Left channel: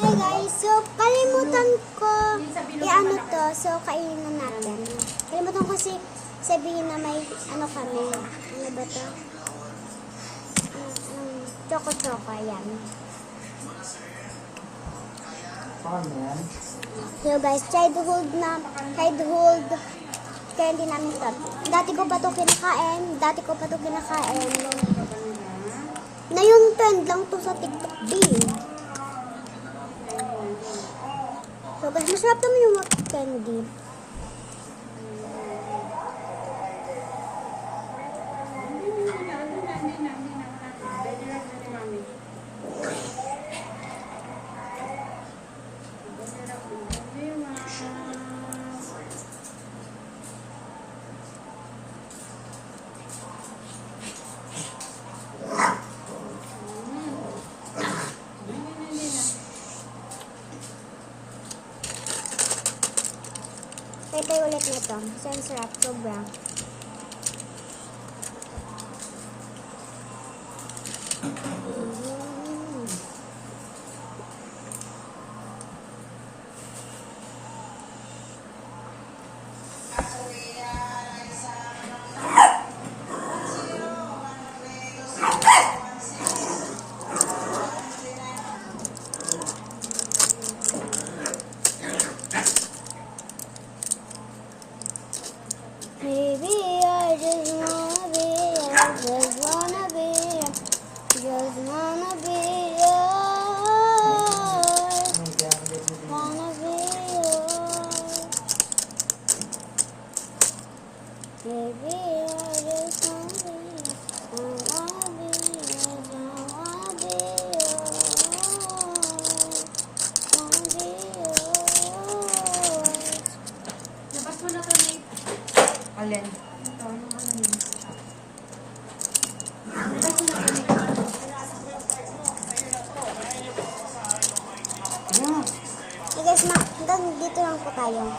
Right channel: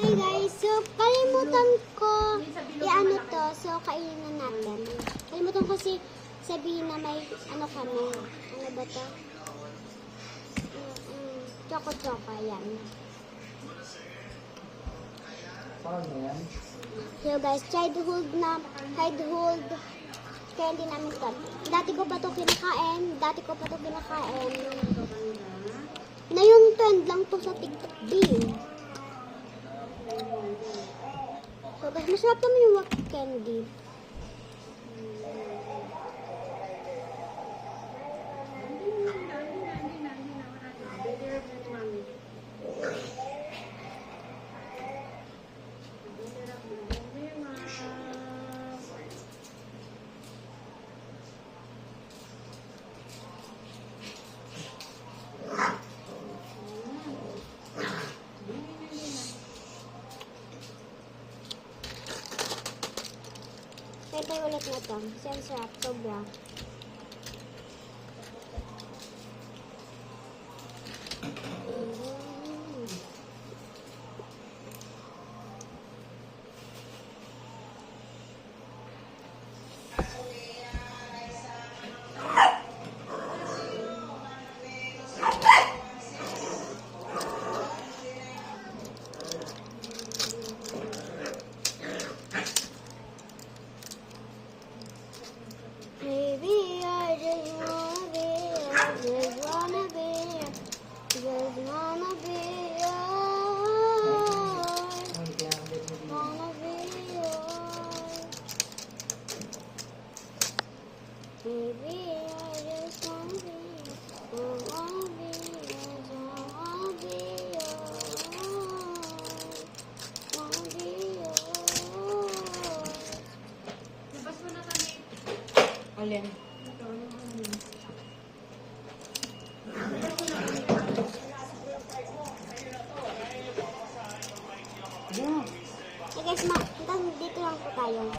Hi guys, so kalimutan ko i-ano to, so kainin na natin. Kalimutan ko sabihin na may ano kami. Ano ba to? Choco-choco, yan. So guys, childhood candy namin to. Dati ko pa to kinakain. Na yung trend lang to sa TikTok din. So guys, masarap naman yung candy. Tayo ulit na ito. Ang sarap. Sobra. Maybe I just wanna be yours, just wanna be yours, wanna be yours, wanna be yours. Maybe I just wanna be yours, wanna be yours, wanna be yours, wanna be yours. Labas mo na to, Nate. Alin? Ito, anong ano yun? Labas mo na to, Nate. Hey guys, hanggang dito lang po tayo.